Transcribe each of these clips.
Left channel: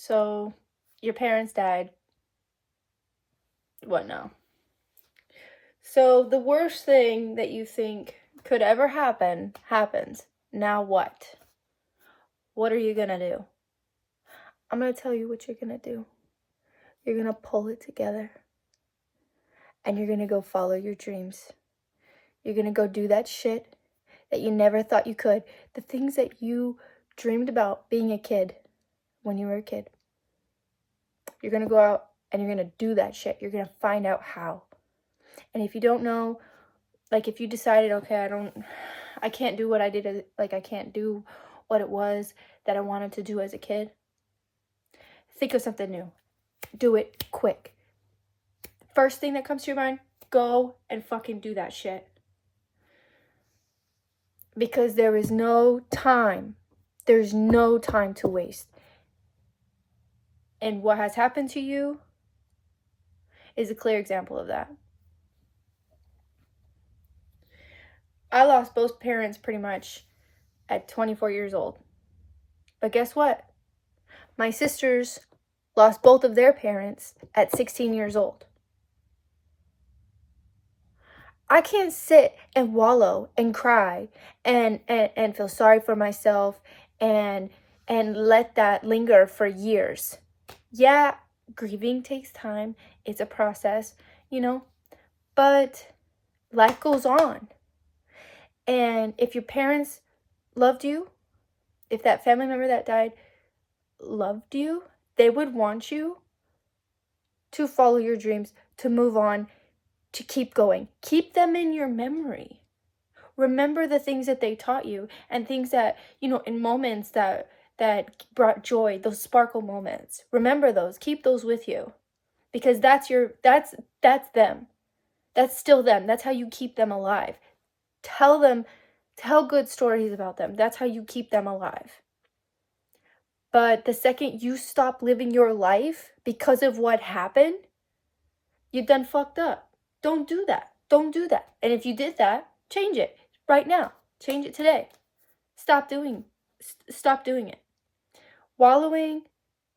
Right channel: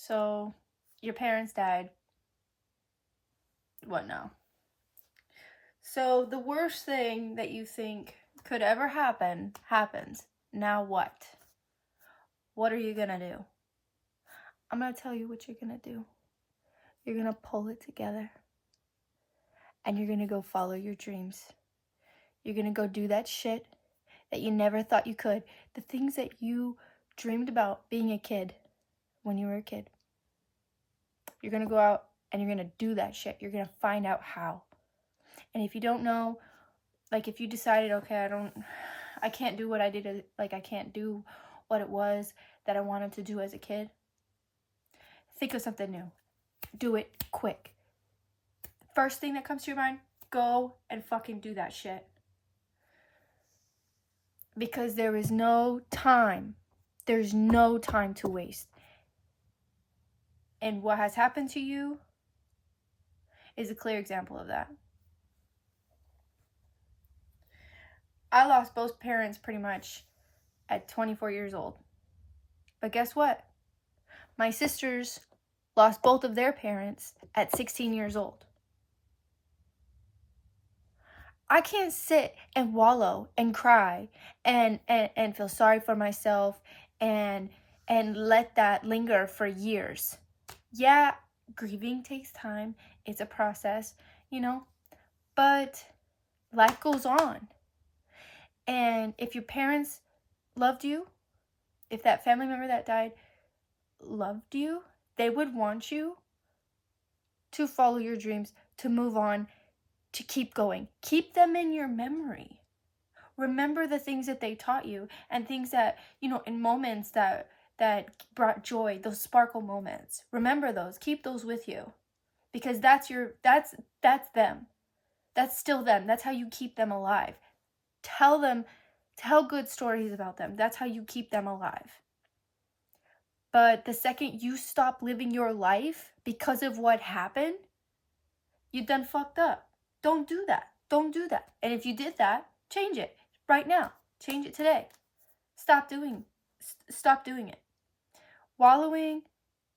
So, your parents died. What now? So, the worst thing that you think could ever happen happens. Now what? What are you gonna do? I'm gonna tell you what you're gonna do. You're gonna pull it together. And you're gonna go follow your dreams. You're gonna go do that shit that you never thought you could. The things that you dreamed about being a kid when you were a kid. You're gonna go out and you're gonna do that shit. You're gonna find out how. And if you don't know, like if you decided, okay, I can't do what I did, like I can't do what it was that I wanted to do as a kid, think of something new. Do it quick. First thing that comes to your mind, go and fucking do that shit. Because there is no time. There's no time to waste. And what has happened to you is a clear example of that. I lost both parents pretty much at 24 years old. But guess what? My sisters lost both of their parents at 16 years old. I can't sit and wallow and cry and feel sorry for myself and let that linger for years. Yeah, grieving takes time. It's a process, but life goes on. And if your parents loved you, if that family member that died loved you, they would want you to follow your dreams, to move on, to keep going. Keep them in your memory. Remember the things that they taught you and things that, in moments that brought joy, those sparkle moments. Remember those. Keep those with you. Because that's them. That's still them. That's how you keep them alive. Tell good stories about them. That's how you keep them alive. But the second you stop living your life because of what happened, you done fucked up. Don't do that. Don't do that. And if you did that, change it right now. Change it today. Stop doing it. Wallowing,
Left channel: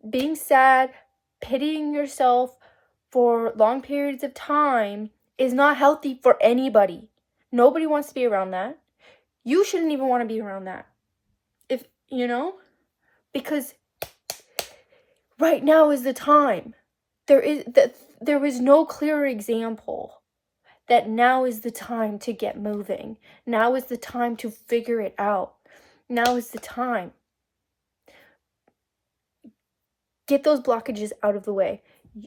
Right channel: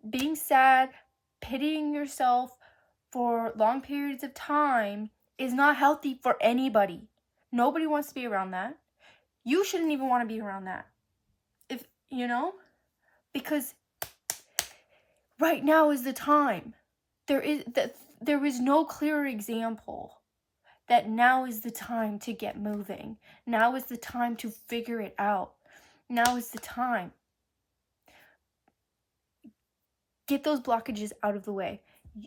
being sad, pitying yourself for long periods of time is not healthy for anybody. Nobody wants to be around that. You shouldn't even want to be around that. Because right now is the time. There is no clearer example that now is the time to get moving. Now is the time to figure it out. Now is the time. Get those blockages out of the way.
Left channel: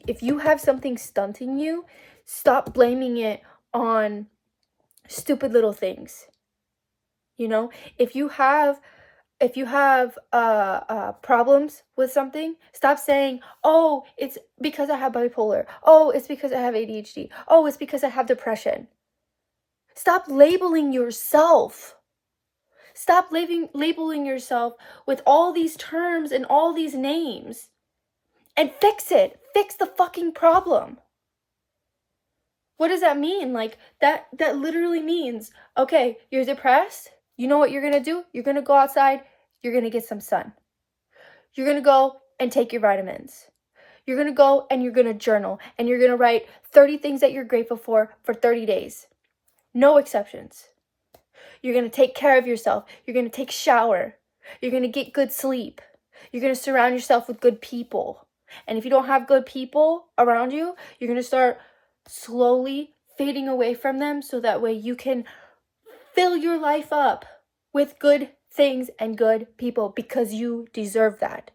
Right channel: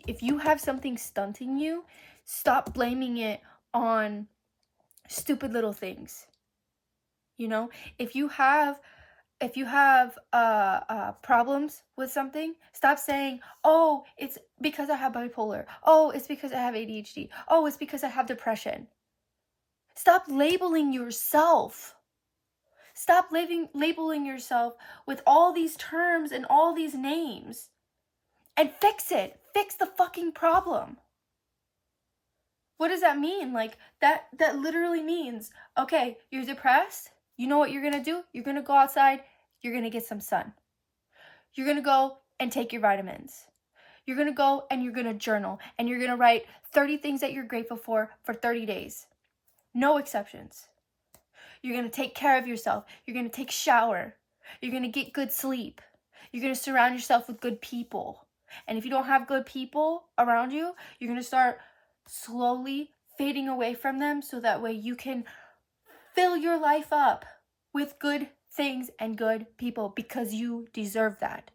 If you have something stunting you, stop blaming it on stupid little things. If you have problems with something, stop saying, oh, it's because I have bipolar. Oh, it's because I have ADHD. Oh, it's because I have depression. Stop labeling yourself. Stop labeling yourself with all these terms and all these names. And fix it. Fix the fucking problem. What does that mean? Like, that literally means, okay, you're depressed. You know what you're going to do? You're going to go outside. You're going to get some sun. You're going to go and take your vitamins. You're going to go and you're going to journal. And you're going to write 30 things that you're grateful for 30 days. No exceptions. You're going to take care of yourself. You're going to take a shower. You're going to get good sleep. You're going to surround yourself with good people. And if you don't have good people around you, you're going to start slowly fading away from them so that way you can fill your life up with good things and good people because you deserve that.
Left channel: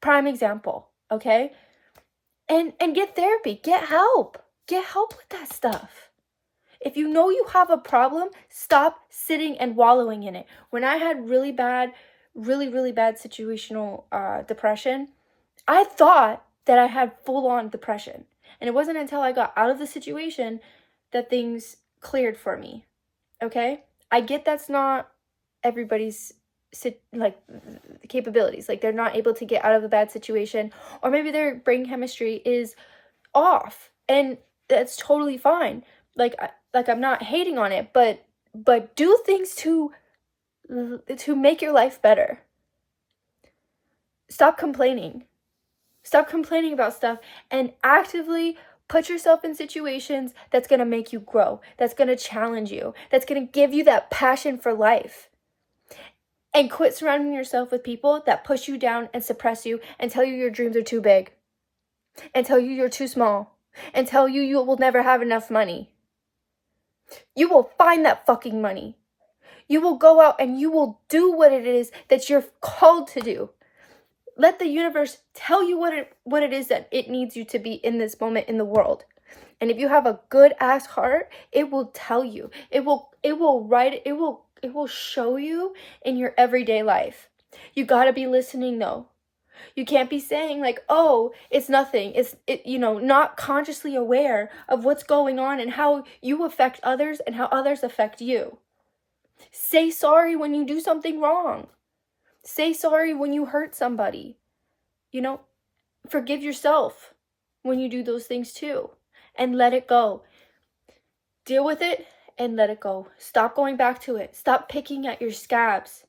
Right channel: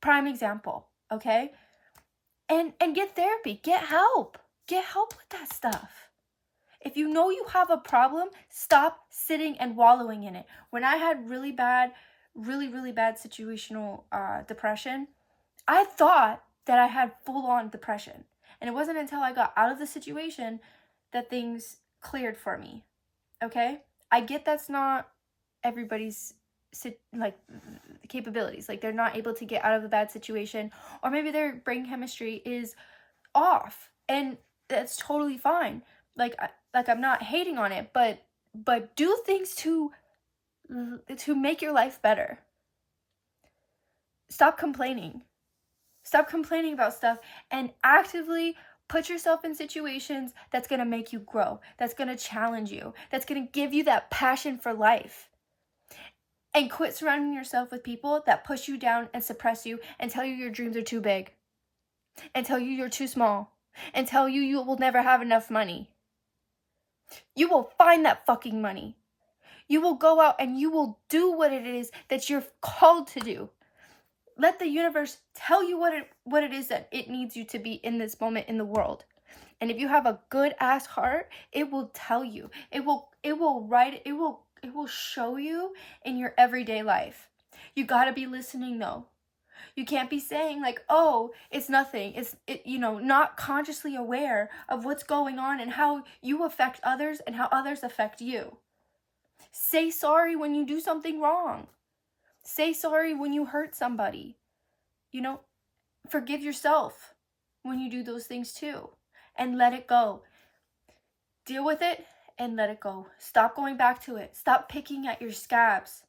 Prime example, okay? And get therapy, get help. Get help with that stuff. If you know you have a problem, stop sitting and wallowing in it. When I had really bad situational depression, I thought that I had full-on depression. And it wasn't until I got out of the situation that things cleared for me, okay? I get that's not everybody's capabilities. Like, they're not able to get out of a bad situation, or maybe their brain chemistry is off, and that's totally fine. Like I'm not hating on it, but do things to make your life better. Stop complaining. Stop complaining about stuff and actively put yourself in situations that's going to make you grow, that's going to challenge you, that's going to give you that passion for life. And quit surrounding yourself with people that push you down and suppress you and tell you your dreams are too big, and tell you you're too small, and tell you you will never have enough money. You will find that fucking money. You will go out and you will do what it is that you're called to do. Let the universe tell you what it is that it needs you to be in this moment in the world. And if you have a good ass heart, it will tell you. It will show you in your everyday life. You got to be listening though. You can't be saying like, oh, it's nothing. Not consciously aware of what's going on and how you affect others and how others affect you. Say sorry when you do something wrong. Say sorry when you hurt somebody. Forgive yourself when you do those things too. And let it go. Deal with it and let it go. Stop going back to it. Stop picking at your scabs.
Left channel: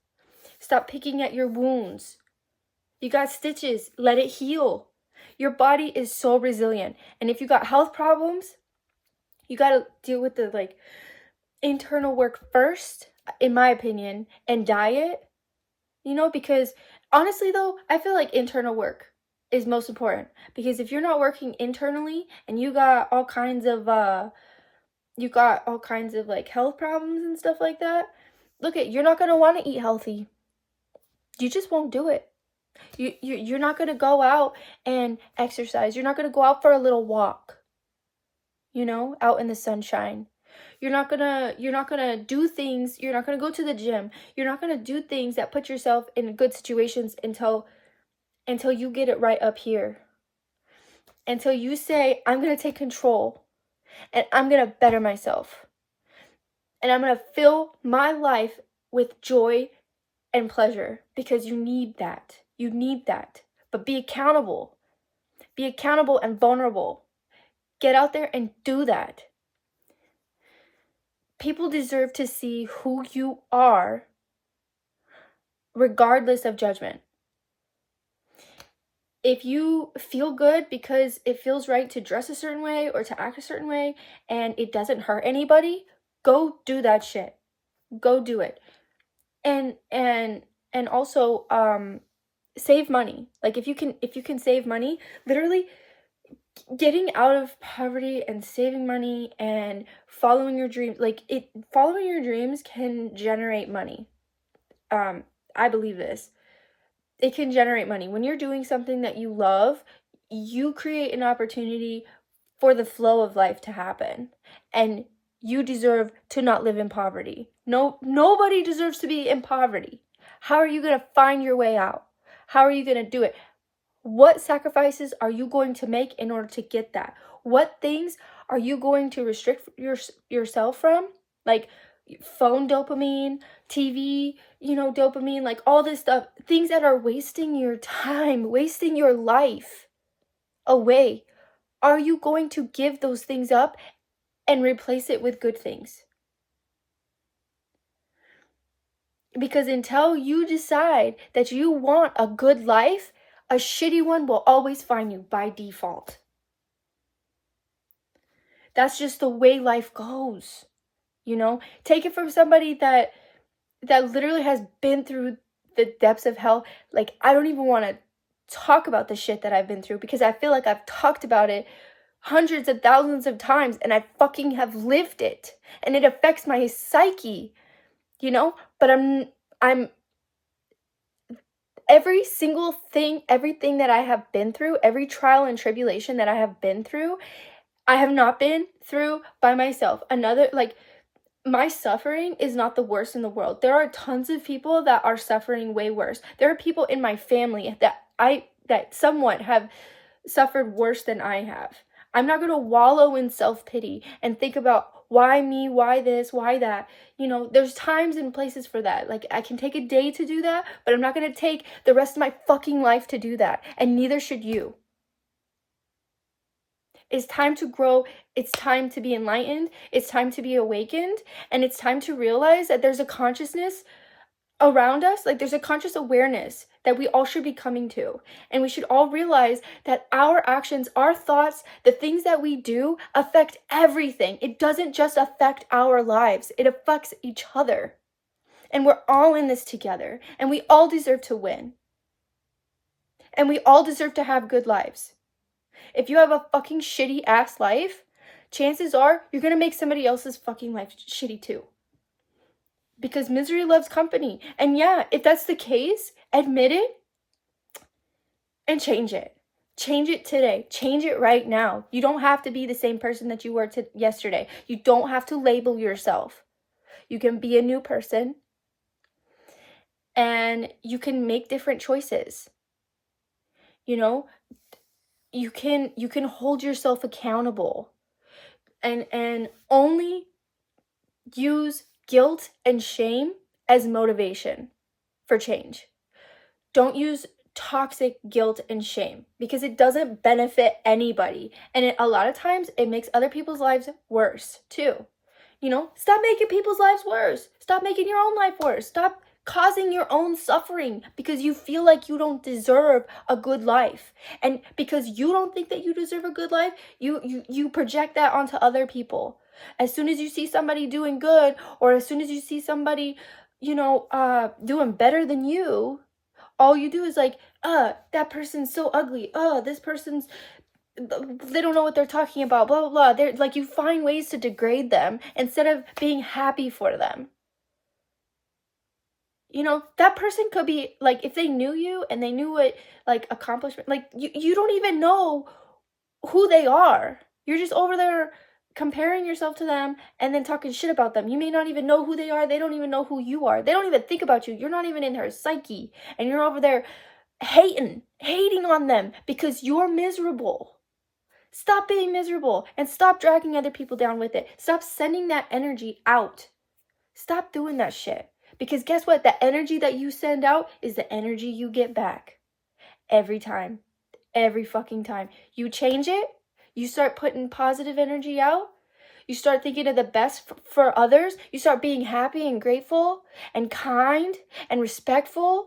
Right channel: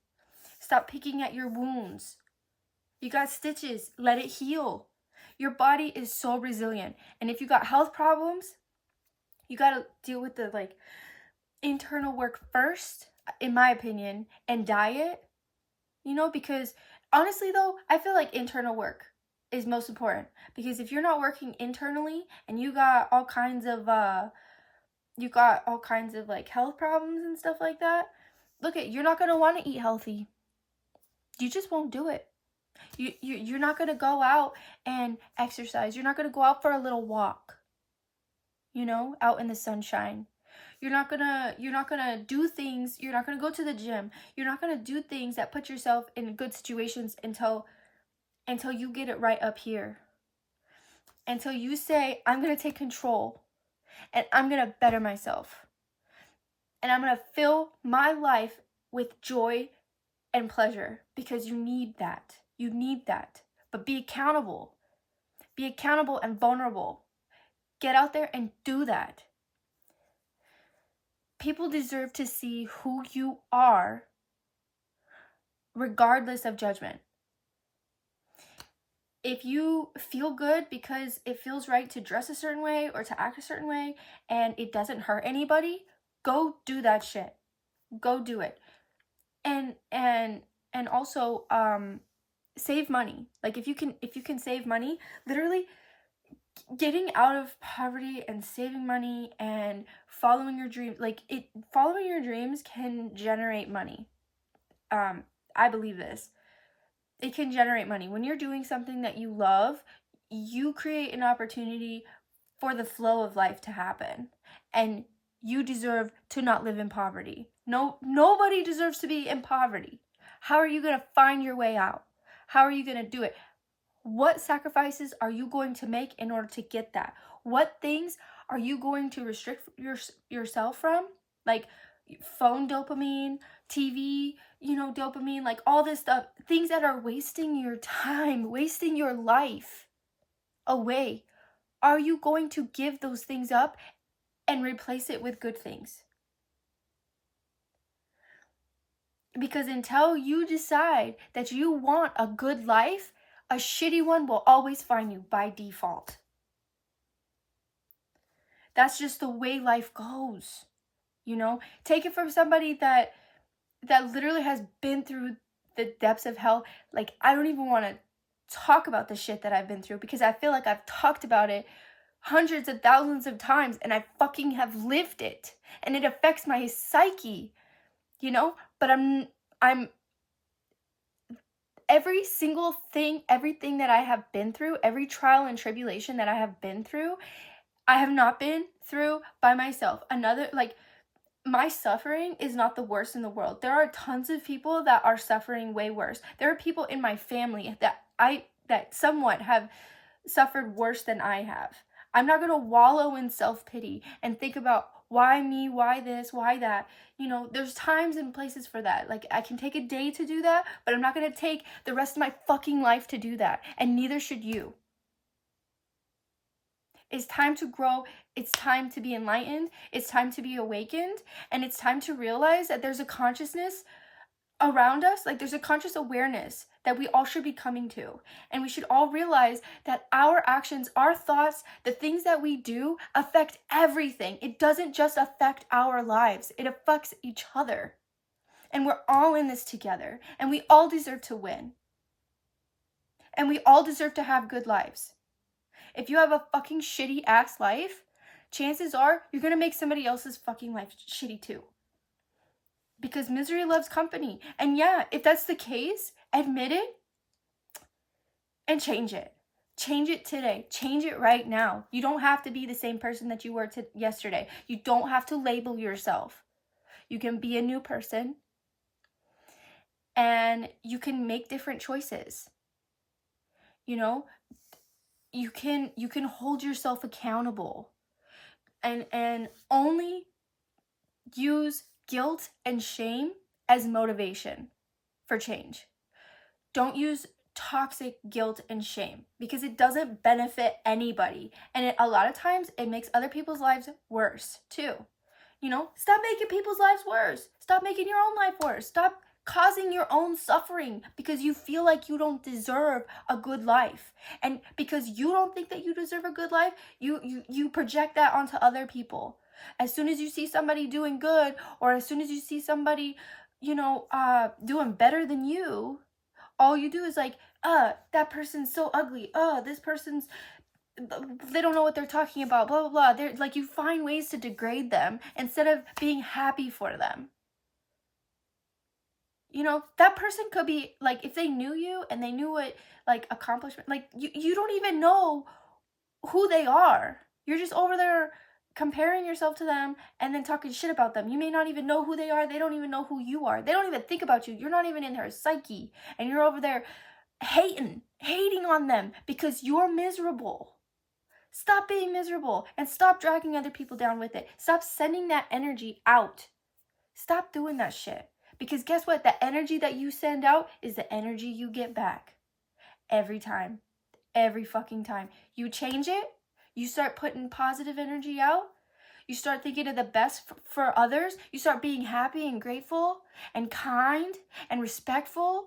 Stop picking at your wounds. You got stitches. Let it heal. Your body is so resilient. And if you got health problems, you got to deal with the internal work first, in my opinion, and diet. Because honestly though, I feel like internal work is most important, because if you're not working internally and you got all kinds of health problems and stuff like that, you're not going to want to eat healthy. You just won't do it. You're not going to go out and exercise. You're not going to go out for a little walk, out in the sunshine. You're not gonna do things. You're not gonna go to the gym. You're not gonna do things that put yourself in good situations until you get it right up here. Until you say, I'm gonna take control and I'm gonna better myself. And I'm gonna fill my life with joy and pleasure, because you need that. You need that. But be accountable. Be accountable and vulnerable. Get out there and do that. People deserve to see who you are, regardless of judgment. If you feel good because it feels right to dress a certain way or to act a certain way and it doesn't hurt anybody, go do that shit. Go do it. And also save money. If you can save money, literally getting out of poverty and saving money and following your dreams, following your dreams can generate money. I believe this. It can generate money. When you're doing something that you love, you create an opportunity for the flow of life to happen. And you deserve to not live in poverty. Nobody deserves to be in poverty. How are you going to find your way out? How are you going to do it? What sacrifices are you going to make in order to get that? What things are you going to restrict yourself from? Like phone dopamine, TV, dopamine, all this stuff. Things that are wasting your time, wasting your life away. Are you going to give those things up and replace it with good things? Because until you decide that you want a good life, a shitty one will always find you by default. That's just the way life goes. Take it from somebody that literally has been through the depths of hell. I don't even want to talk about the shit that I've been through, because I feel like I've talked about it hundreds of thousands of times and I fucking have lived it, and it affects my psyche, but I'm every single thing, everything that I have been through, every trial and tribulation that I have been through, I have not been through by myself. My suffering is not the worst in the world. There are tons of people that are suffering way worse. There are people in my family that somewhat have suffered worse than I have. I'm not going to wallow in self-pity and think about why me, why this, why that. There's times and places for that. I can take a day to do that, but I'm not going to take the rest of my fucking life to do that. And neither should you. It's time to grow. It's time to be enlightened. It's time to be awakened. And it's time to realize that there's a consciousness around us. There's a conscious awareness that we all should be coming to. And we should all realize that our actions, our thoughts, the things that we do affect everything. It doesn't just affect our lives, it affects each other. And we're all in this together. And we all deserve to win. And we all deserve to have good lives. If you have a fucking shitty ass life, chances are you're gonna make somebody else's fucking life shitty too. Because misery loves company. And yeah, if that's the case, admit it and change it. Change it today. Change it right now. You don't have to be the same person that you were yesterday. You don't have to label yourself. You can be a new person and you can make different choices. You know, you can hold yourself accountable and only use guilt and shame as motivation for change. Don't use toxic guilt and shame because it doesn't benefit anybody. And a lot of times it makes other people's lives worse too. You know, stop making people's lives worse. Stop making your own life worse. Stop causing your own suffering because you feel like you don't deserve a good life. And because you don't think that you deserve a good life, you project that onto other people. As soon as you see somebody doing good, or as soon as you see somebody, you know, doing better than you, all you do is like, that person's so ugly. This person's, they don't know what they're talking about, blah, blah, blah. They're like, you find ways to degrade them instead of being happy for them. You know, that person could be like, if they knew you and they knew what like accomplishment, like you don't even know who they are. You're just over there comparing yourself to them and then talking shit about them. You may not even know who they are. They don't even know who you are. They don't even think about you. You're not even in their psyche. And you're over there hating on them because you're miserable. Stop being miserable and stop dragging other people down with it. Stop sending that energy out. Stop doing that shit. Because guess what? The energy that you send out is the energy you get back. Every time. Every fucking time. You change it. You start putting positive energy out. You start thinking of the best for others. You start being happy and grateful and kind and respectful.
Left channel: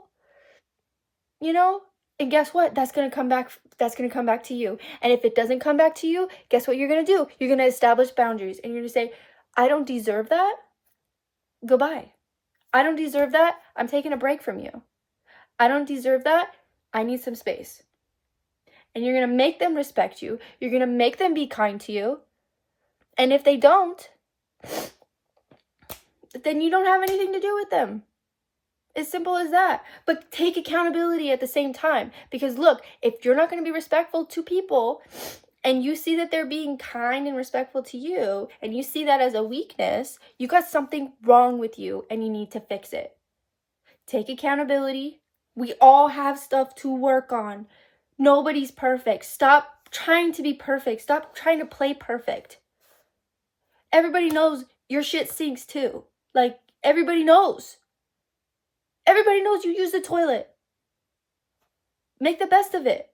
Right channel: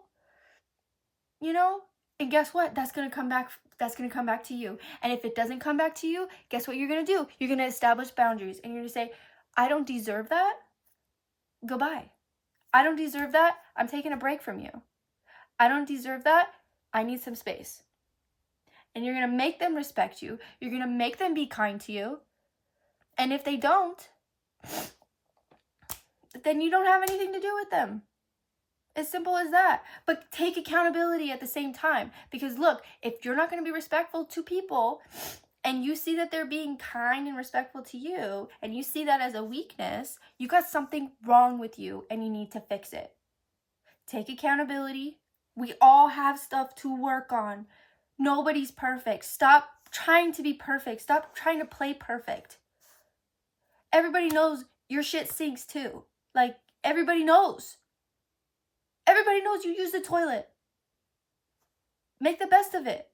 You know? And guess what? That's going to come back. That's going to come back to you. And if it doesn't come back to you, guess what you're going to do? You're going to establish boundaries. And you're going to say, I don't deserve that. Goodbye. I don't deserve that. I'm taking a break from you. I don't deserve that. I need some space. And you're going to make them respect you. You're going to make them be kind to you. And if they don't, then you don't have anything to do with them. As simple as that. But take accountability at the same time. Because look, if you're not going to be respectful to people and you see that they're being kind and respectful to you and you see that as a weakness, you got something wrong with you and you need to fix it. Take accountability. We all have stuff to work on. Nobody's perfect. Stop trying to be perfect. Stop trying to play perfect. Everybody knows your shit stinks too. Like, everybody knows. Everybody knows you use the toilet. Make the best of it.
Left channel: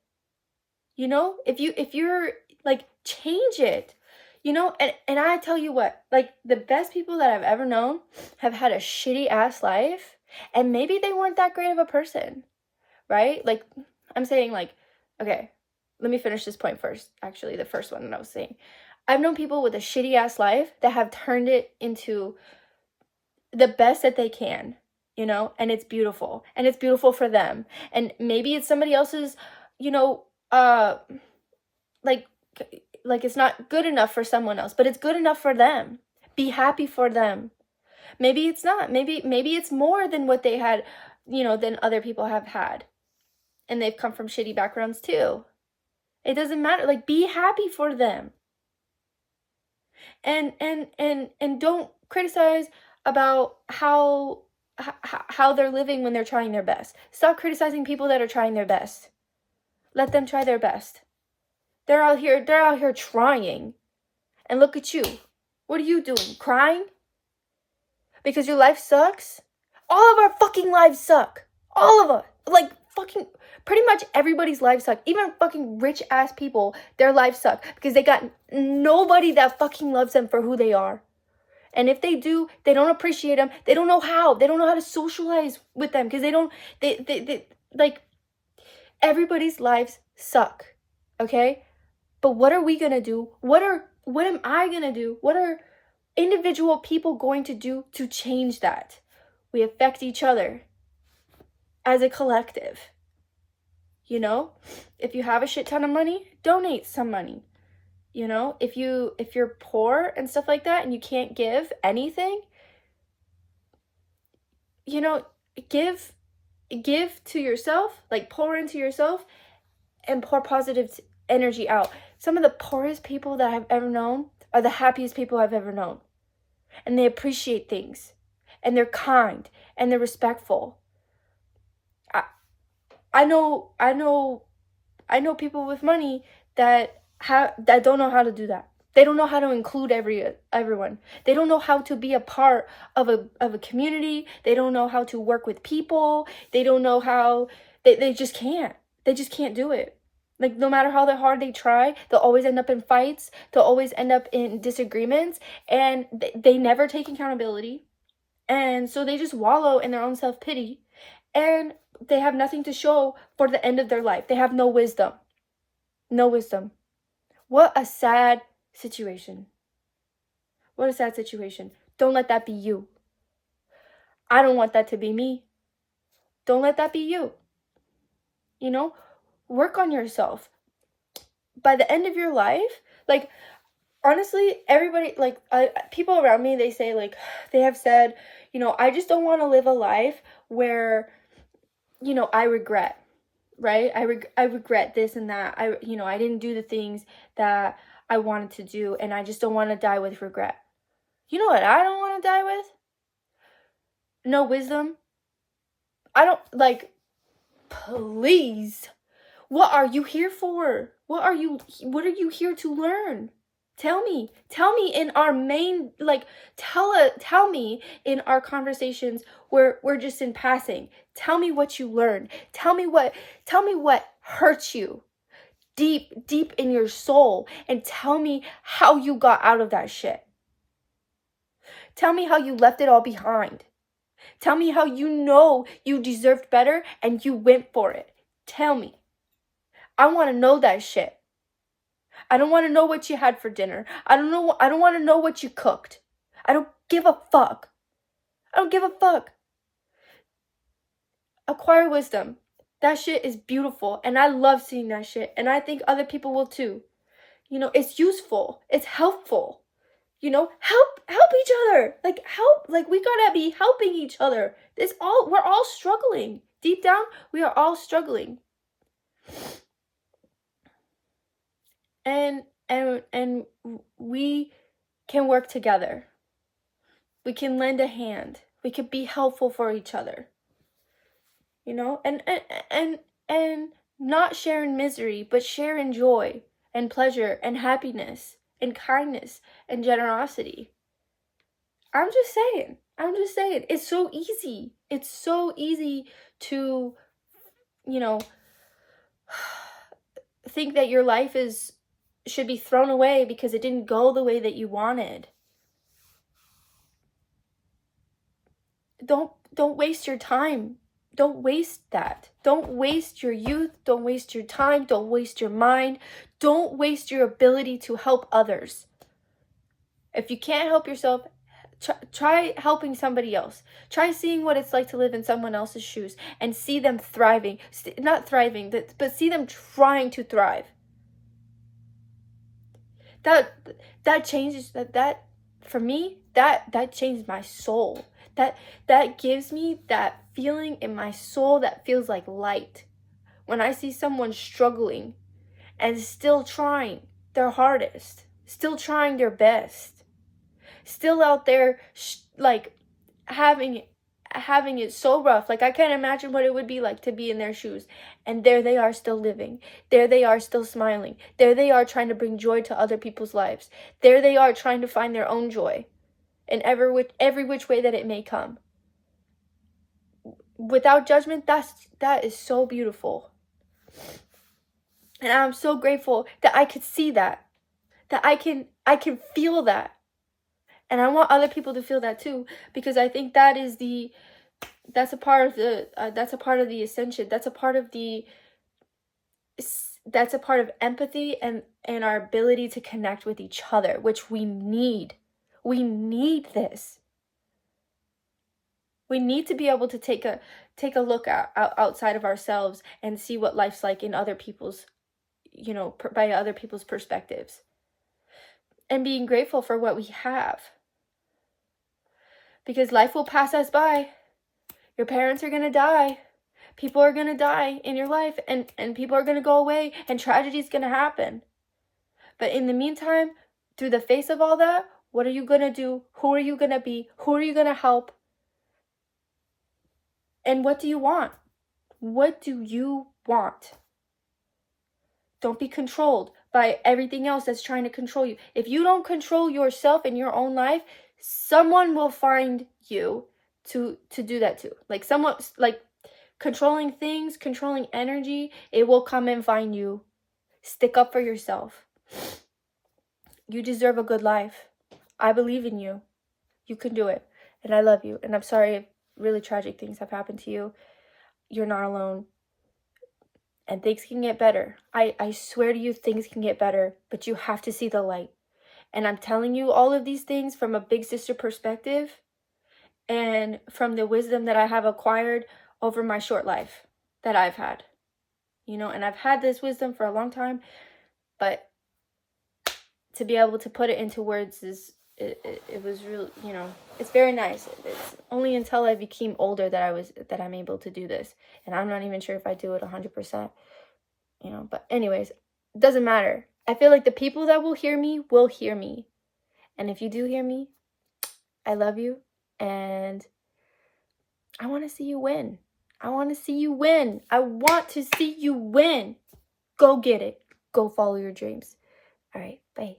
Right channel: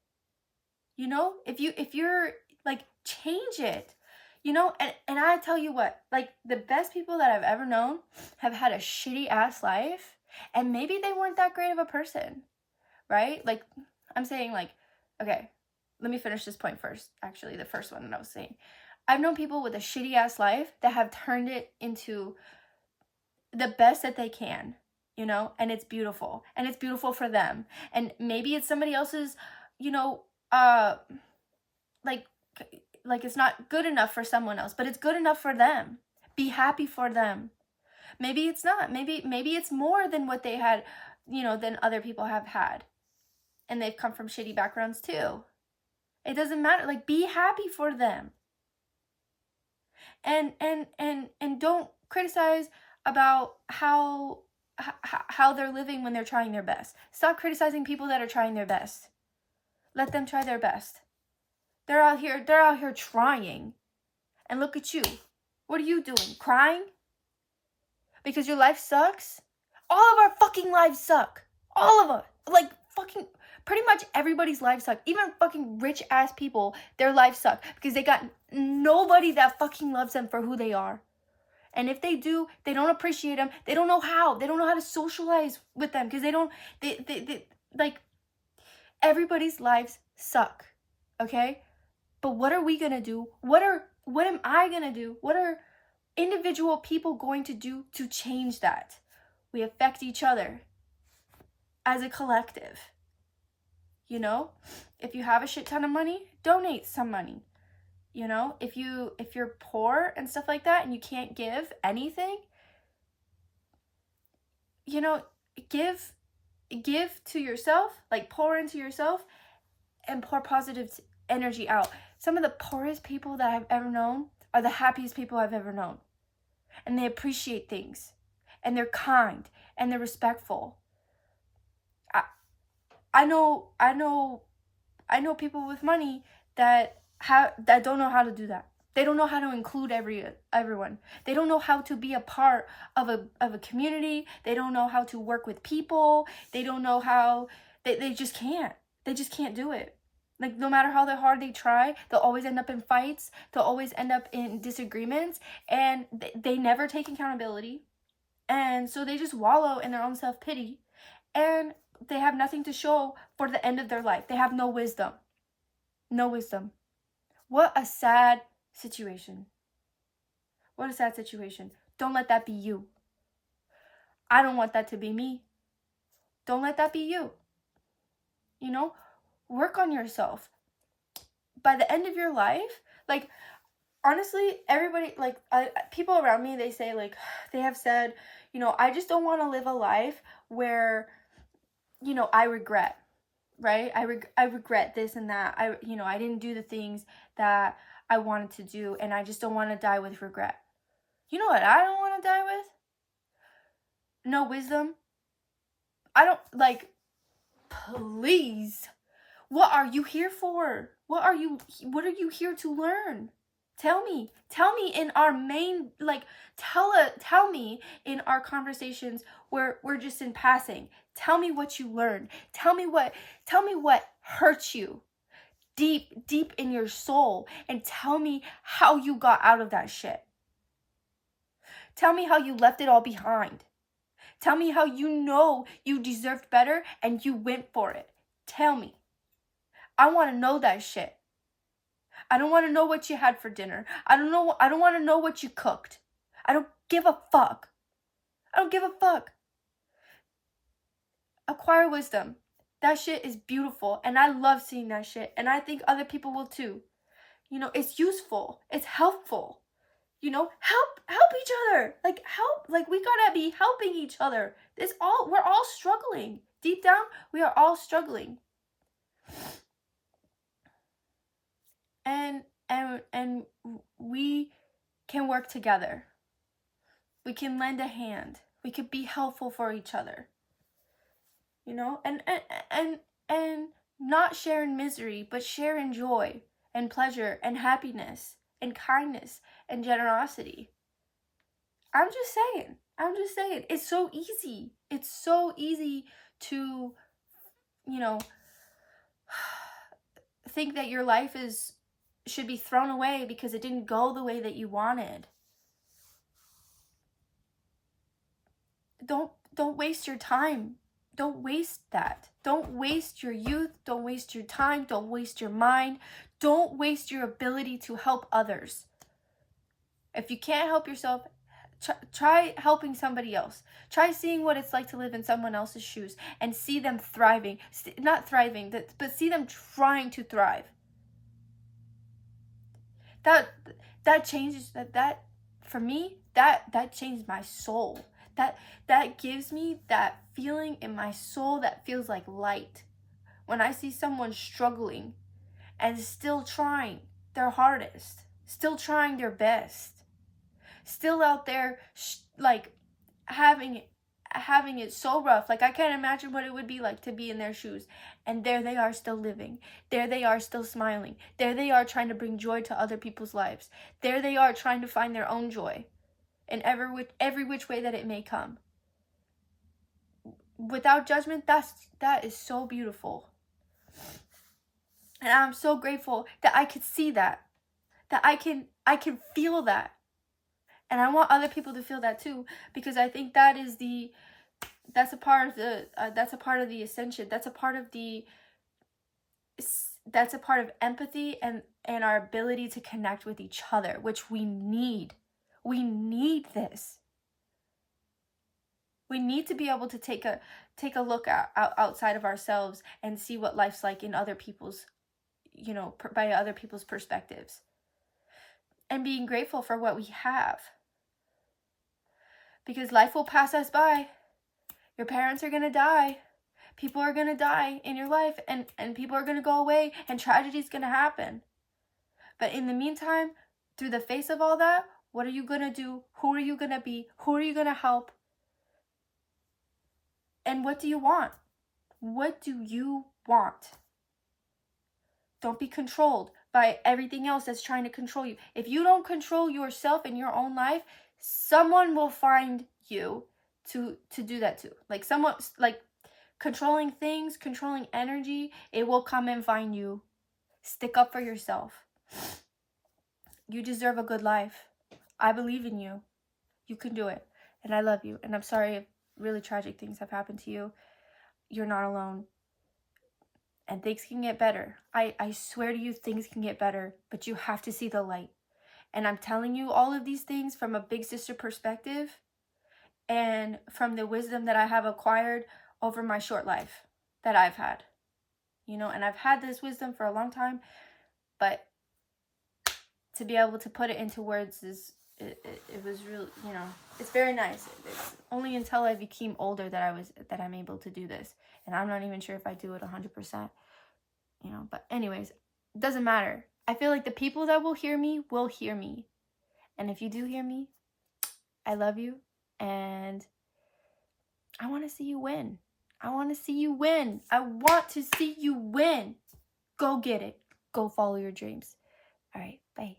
You know, if you're like, change it. You know, and I tell you what, like, the best people that I've ever known have had a shitty ass life, and maybe they weren't that great of a person, right? Like, I'm saying, like, okay, let me finish this point first. Actually, the first one that I was saying. I've known people with a shitty ass life that have turned it into the best that they can, you know, and it's beautiful. And it's beautiful for them. And maybe it's somebody else's, you know, like it's not good enough for someone else, but it's good enough for them. Be happy for them. Maybe it's not. Maybe it's more than what they had, you know, than other people have had. And they've come from shitty backgrounds too. It doesn't matter. Like, be happy for them. And don't criticize about how they're living when they're trying their best. Stop criticizing people that are trying their best. Let them try their best. They're out here trying. And look at you. What are you doing? Crying? Because your life sucks? All of our fucking lives suck. All of us. Like, fucking, pretty much everybody's lives suck. Even fucking rich ass people, their lives suck. Because they got nobody that fucking loves them for who they are. And if they do, they don't appreciate them. They don't know how. They don't know how to socialize with them. Because they don't, like, everybody's lives suck, okay? But what are we gonna do? What am I gonna do? What are individual people going to do to change that? We affect each other as a collective. You know, if you have a shit ton of money, donate some money. You know, if you're poor and stuff like that and you can't give anything, you know, give to yourself, like pour into yourself and pour positive energy out. Some of the poorest people that I've ever known are the happiest people I've ever known. And they appreciate things, and they're kind, and they're respectful. I know people with money that don't know how to do that. They don't know how to include everyone. They don't know how to be a part of a community. They don't know how to work with people. They don't know how they just can't. They just can't do it. Like, no matter how hard they try, they'll always end up in fights. They'll always end up in disagreements, and they never take accountability. And so they just wallow in their own self-pity, and they have nothing to show for the end of their life. They have no wisdom. No wisdom. What a sad situation. What a sad situation. Don't let that be you. I don't want that to be me. Don't let that be you. You know, work on yourself. By the end of your life, like, honestly, everybody, like, people around me, they say, like, they have said, you know, I just don't want to live a life where, you know, I regret, right? I regret this and that. I didn't do the things that I wanted to do, and I just don't want to die with regret. You know what I don't want to die with? No wisdom. I don't, like, please. What are you here for? What are you here to learn? Tell me in our main, like, tell me in our conversations where we're just in passing. Tell me what you learned. Tell me what hurts you deep in your soul, and tell me how you got out of that shit. Tell me how you left it all behind. Tell me how you know you deserved better and you went for it. Tell me. I want to know that shit. I don't want to know what you had for dinner. I don't want to know what you cooked. I don't give a fuck. I don't give a fuck. Acquire wisdom. That shit is beautiful, and I love seeing that shit, and I think other people will too. You know, it's useful. It's helpful. You know, help each other. Like, we gotta be helping each other. We're all struggling. Deep down, we are all struggling. And we can work together. We can lend a hand. We can be helpful for each other. You know, and not share in misery, but share in joy and pleasure and happiness and kindness and generosity. I'm just saying. It's so easy. It's so easy to, you know, think that your life should be thrown away because it didn't go the way that you wanted. Don't waste your time. Don't waste that. Don't waste your youth. Don't waste your time. Don't waste your mind. Don't waste your ability to help others. If you can't help yourself, try helping somebody else. Try seeing what it's like to live in someone else's shoes and see them thriving. Not thriving, but see them trying to thrive. That changes, that for me, that changed my soul. That gives me that feeling in my soul that feels like light. When I see someone struggling and still trying their hardest, still trying their best, still out there like having it so rough. Like, I can't imagine what it would be like to be in their shoes. And there they are, still living. There they are, still smiling. There they are, trying to bring joy to other people's lives. There they are, trying to find their own joy in every which way that it may come. Without judgment, that is so beautiful. And I'm so grateful that I could see that I can feel that. And I want other people to feel that too, because I think that is that's a part of the ascension. That's a part of empathy and our ability to connect with each other, which we need. We need this. We need to be able to take a look outside of ourselves and see what life's like in other people's, by other people's perspectives, and being grateful for what we have, because life will pass us by. Your parents are gonna die. People are gonna die in your life, and people are gonna go away, and tragedy is gonna happen. But in the meantime, through the face of all that, what are you gonna do? Who are you gonna be? Who are you gonna help? And what do you want? What do you want? Don't be controlled by everything else that's trying to control you. If you don't control yourself in your own life, someone will find you to do that too. Like someone, like controlling things, controlling energy, it will come and find you. Stick up for yourself. You deserve a good life. I believe in you. You can do it. And I love you. And I'm sorry if really tragic things have happened to you. You're not alone. And things can get better. I swear to you, things can get better. But you have to see the light. And I'm telling you all of these things from a big sister perspective, and from the wisdom that I have acquired over my short life that I've had. And I've had this wisdom for a long time, but to be able to put it into words it was real, it's very nice. It's only until I became older that I'm able to do this. And I'm not even sure if I do it 100%, but anyways, it doesn't matter. I feel like the people that will hear me. And if you do hear me, I love you. And I want to see you win. I want to see you win. Go get it. Go follow your dreams. All right. Bye.